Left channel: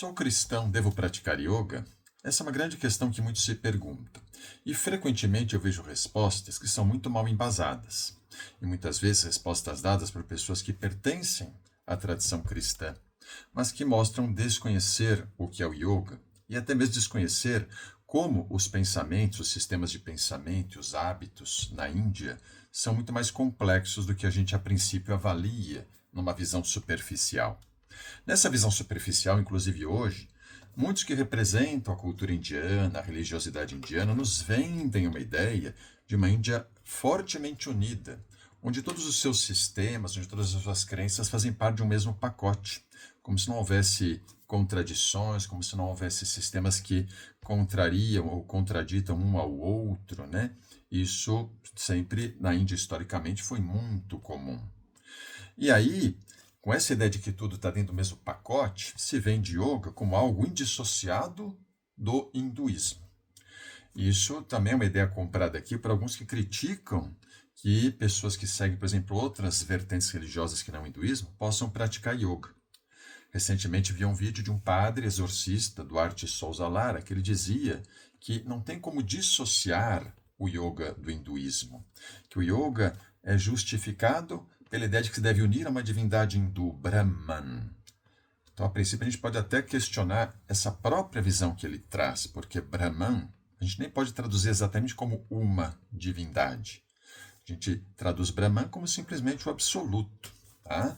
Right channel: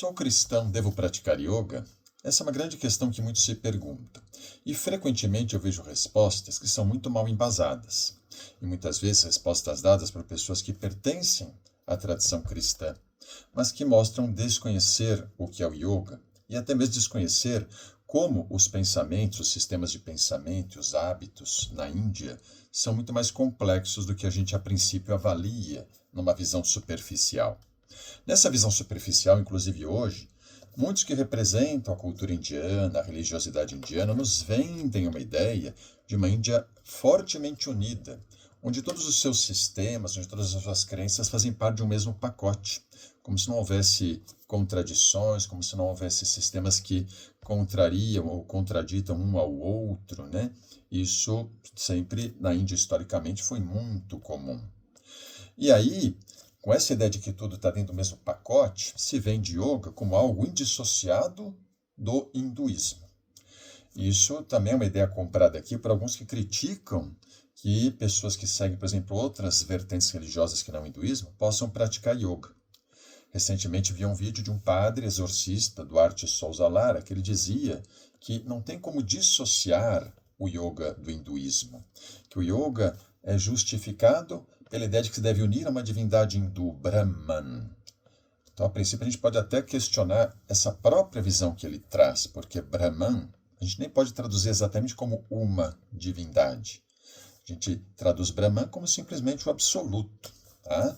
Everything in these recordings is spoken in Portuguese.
Sou cristão, devo praticar yoga? Essa é uma grande questão que muitos se perguntam. E frequentemente eu vejo respostas que são muito mal embasadas. E muitas vezes respostas dadas por pessoas que pertencem à tradição cristã, mas que mostram desconhecer o que é o yoga e até mesmo desconhecer como os pensamentos, os sistemas de pensamento, os hábitos na Índia são muito mais complexos do que a gente a princípio avalia numa visão superficial. Nessa visão superficial, inclusive hoje, muitos que representam a cultura indiana, a religiosidade indiana, nos vendem uma ideia de uma Índia fortemente unida, onde todos os seus sistemas, onde todas as suas crenças fazem parte de um mesmo pacote, como se não houvesse contradições, como se não houvesse sistemas que contrariam ou contraditam um ao outro, né? Isso sempre na Índia historicamente foi muito comum. E aí, com essa ideia de que tudo está dentro do mesmo pacote, se vende yoga como algo indissociado do hinduísmo. Isso também é uma ideia comprada aqui por alguns que criticam que pessoas que seguem, por exemplo, outras vertentes religiosas que não o hinduísmo, possam praticar yoga. Recentemente vi um vídeo de um padre exorcista, Duarte Souza Lara, que ele dizia que não tem como dissociar o yoga do hinduísmo, que o yoga é justificado pela ideia de que se deve unir a uma divindade hindu, Brahman. Então, a princípio, a gente pode até questionar essa própria visão que ele traz, porque Brahman, a gente nem pode traduzir exatamente como uma divindade. A gente traduz Brahman como simplesmente o absoluto, tá?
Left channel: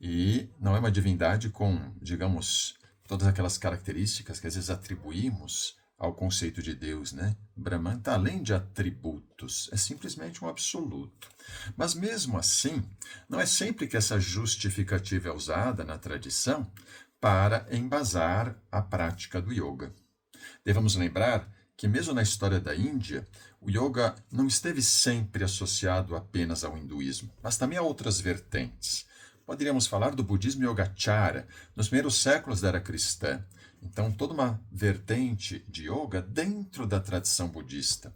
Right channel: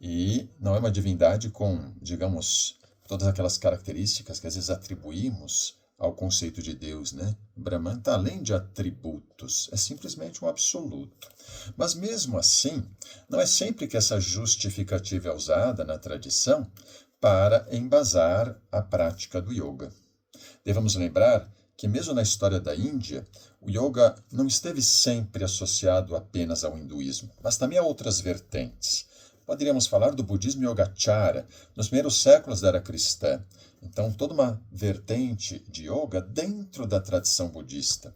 E não é uma divindade com, digamos, todas aquelas características que às vezes atribuímos ao conceito de Deus, né? Brahman está além de atributos, é simplesmente um absoluto. Mas mesmo assim, não é sempre que essa justificativa é usada na tradição para embasar a prática do yoga. Devemos lembrar que mesmo na história da Índia, o yoga não esteve sempre associado apenas ao hinduísmo, mas também a outras vertentes. Poderíamos falar do budismo Yogacara, nos primeiros séculos da era cristã. Então, toda uma vertente de yoga dentro da tradição budista.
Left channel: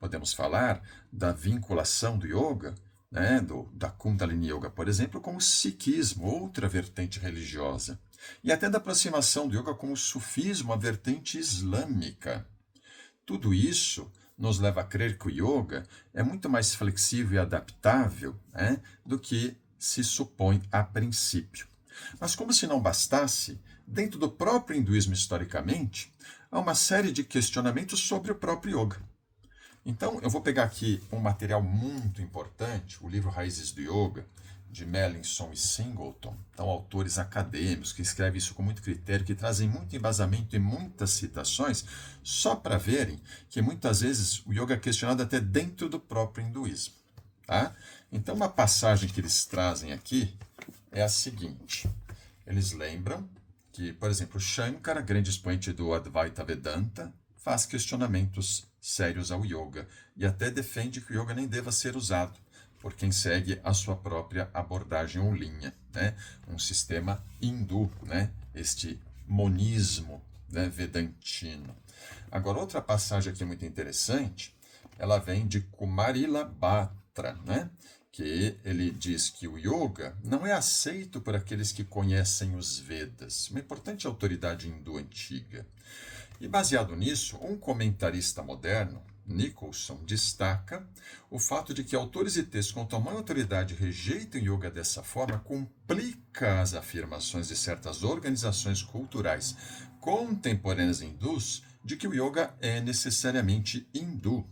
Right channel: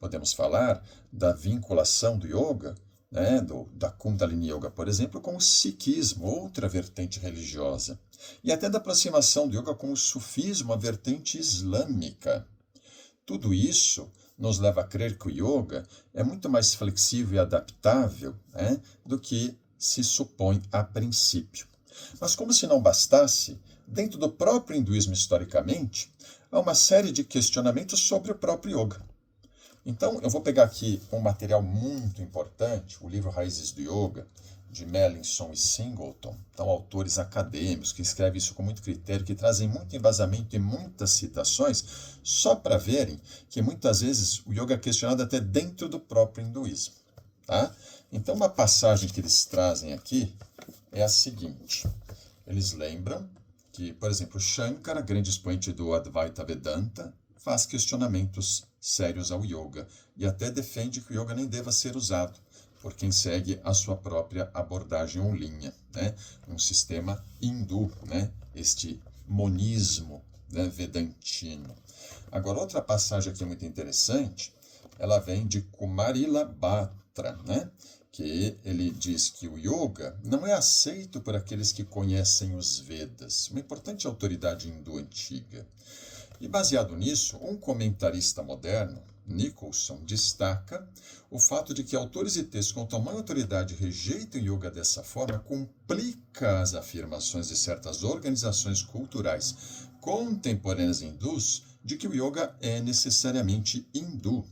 Podemos falar da vinculação do yoga, né, da Kundalini Yoga, por exemplo, com o Sikhismo, outra vertente religiosa. E até da aproximação do yoga com o sufismo, a vertente islâmica. Tudo isso nos leva a crer que o yoga é muito mais flexível e adaptável, né, do que se supõe a princípio. Mas como se não bastasse, dentro do próprio hinduísmo historicamente, há uma série de questionamentos sobre o próprio yoga. Então, eu vou pegar aqui um material muito importante, o livro Raízes do Yoga, de Melanson e Singleton, então autores acadêmicos que escrevem isso com muito critério, que trazem muito embasamento e muitas citações, só para verem que muitas vezes o yoga é questionado até dentro do próprio hinduísmo. Tá? Então, uma passagem que eles trazem aqui é a seguinte. Eles lembram que, por exemplo, Shankara, grande expoente do Advaita Vedanta, faz questionamentos sérios ao yoga e até defende que o yoga nem deva ser usado por quem segue a sua própria abordagem ou linha, né? Um sistema hindu, né? Este monismo, né, vedantino. Agora, outra passagem aqui muito interessante, ela vem de Kumarila Batra, né? Que ele diz que o yoga não é aceito por aqueles que conhecem os Vedas, uma importante autoridade hindu antiga. E baseado nisso, um comentarista moderno, Nicholson, destaca o fato de que autores e textos com tamanha autoridade rejeitam o yoga dessa forma complica as afirmações de certas organizações culturais contemporâneas hindus de que o yoga é necessariamente hindu.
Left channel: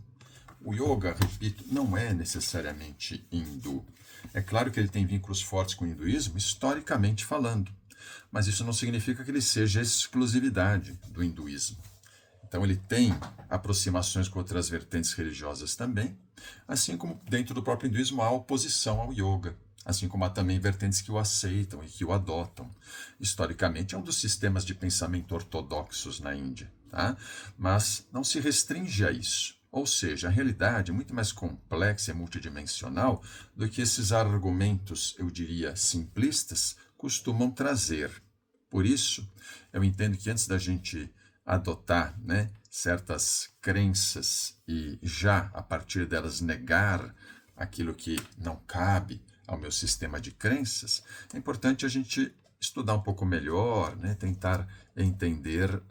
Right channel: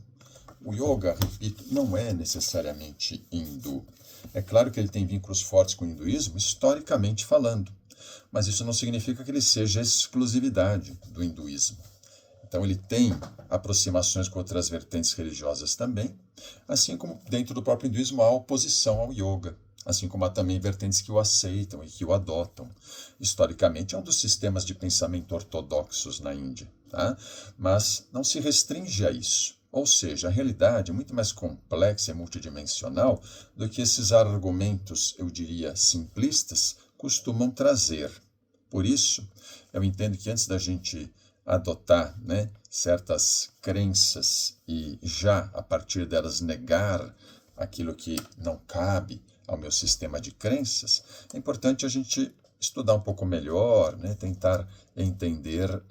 O yoga, repito, não é necessariamente hindu. É claro que ele tem vínculos fortes com o hinduísmo, historicamente falando, mas isso não significa que ele seja exclusividade do hinduísmo. Então ele tem aproximações com outras vertentes religiosas também, assim como dentro do próprio hinduísmo há oposição ao yoga, assim como há também vertentes que o aceitam e que o adotam. Historicamente é um dos sistemas de pensamento ortodoxos na Índia, tá? Mas não se restringe a isso. Ou seja, a realidade é muito mais complexa e multidimensional do que esses argumentos, eu diria, simplistas, costumam trazer. Por isso, eu entendo que antes da gente adotar, né, certas crenças e já, a partir delas, negar aquilo que não cabe ao meu sistema de crenças, é importante a gente estudar um pouco melhor, né? Tentar entender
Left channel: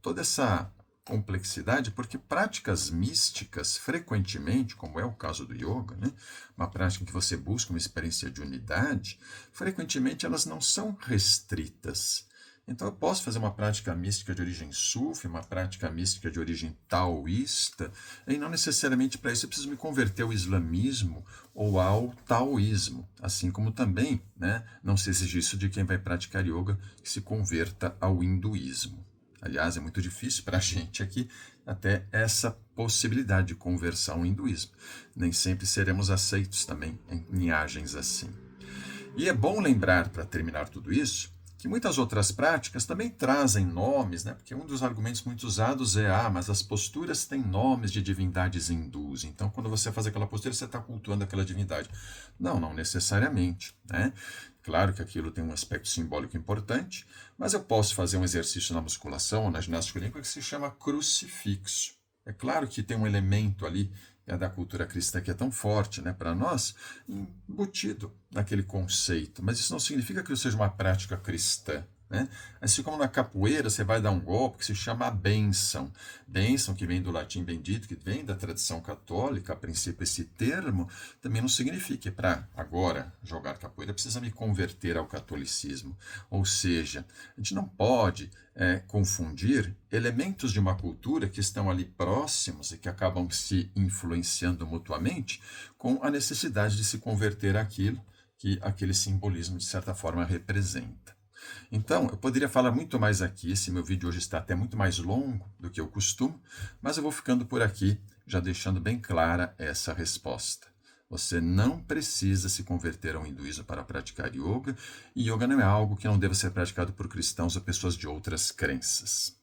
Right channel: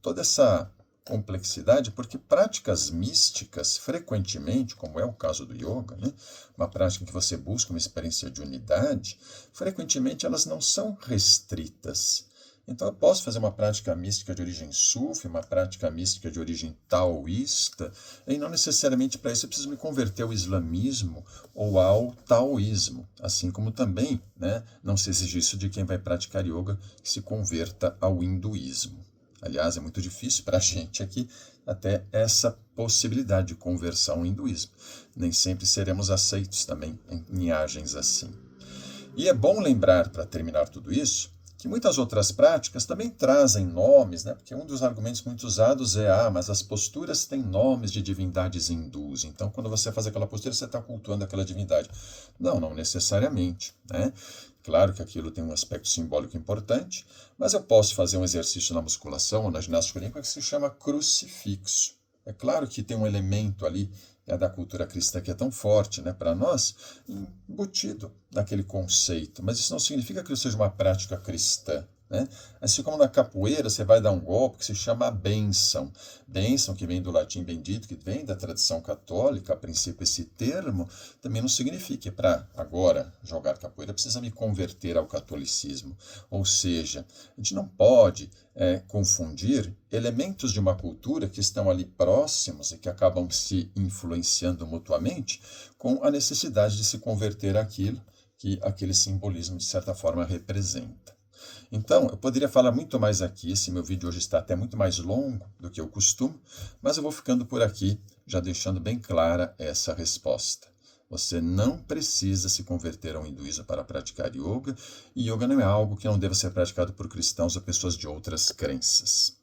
toda essa complexidade, porque práticas místicas, frequentemente, como é o caso do yoga, né? Uma prática em que você busca uma experiência de unidade, frequentemente elas não são restritas. Então, eu posso fazer uma prática mística de origem sufi, uma prática mística de origem taoísta, e não necessariamente para isso eu preciso me converter ao islamismo ou ao taoísmo, assim como também, né, não se exige isso de quem vai praticar yoga que se converta ao hinduísmo. Aliás, é muito difícil para a gente aqui até essa possibilidade de conversão ao hinduísmo. Nem sempre seremos aceitos também em linhagens assim. E é bom lembrar, para terminar tudo isso, que muitas outras práticas também trazem nomes, né? Porque um dos argumentos muito usados é, mas as posturas têm nomes de divindades hindus, então quando você faz aquela postura, você está cultuando aquela divindade. Não, não necessariamente, né? Claro que aquilo tem um aspecto simbólico importante, mas eu posso fazer um exercício na musculação ou na ginástica olímpica que se chama crucifixo. É claro que tem um elemento ali da cultura cristã que é tão forte, né, para nós, embutido naquele conceito. Mas isso não significa que isso seja uma prática cristã. Né? Assim como na capoeira, você vai dar um golpe que se chama bênção. Bênção, que vem do latim bendito, que vem da tradição católica, a princípio esse termo, também não significa que para agora jogar capoeira precisa me converter ao catolicismo. Ou seja, a gente não pode confundir elementos de uma cultura que estão ali próximos e que acabam se influenciando mutuamente com a necessidade de se converter àquilo que aquele simbolismo, de certa forma, representa. Então, eu poderia falar muito mais aqui, esse meu vídeo hoje está até muito mais longo do que eu costumo, mas eu vou ficando por aqui, já deixando bem clara essa resposta. Você não precisa se converter ao hinduísmo para praticar yoga, e yoga não é algo que não deva ser praticado por cristãos ou pessoas de outras crenças.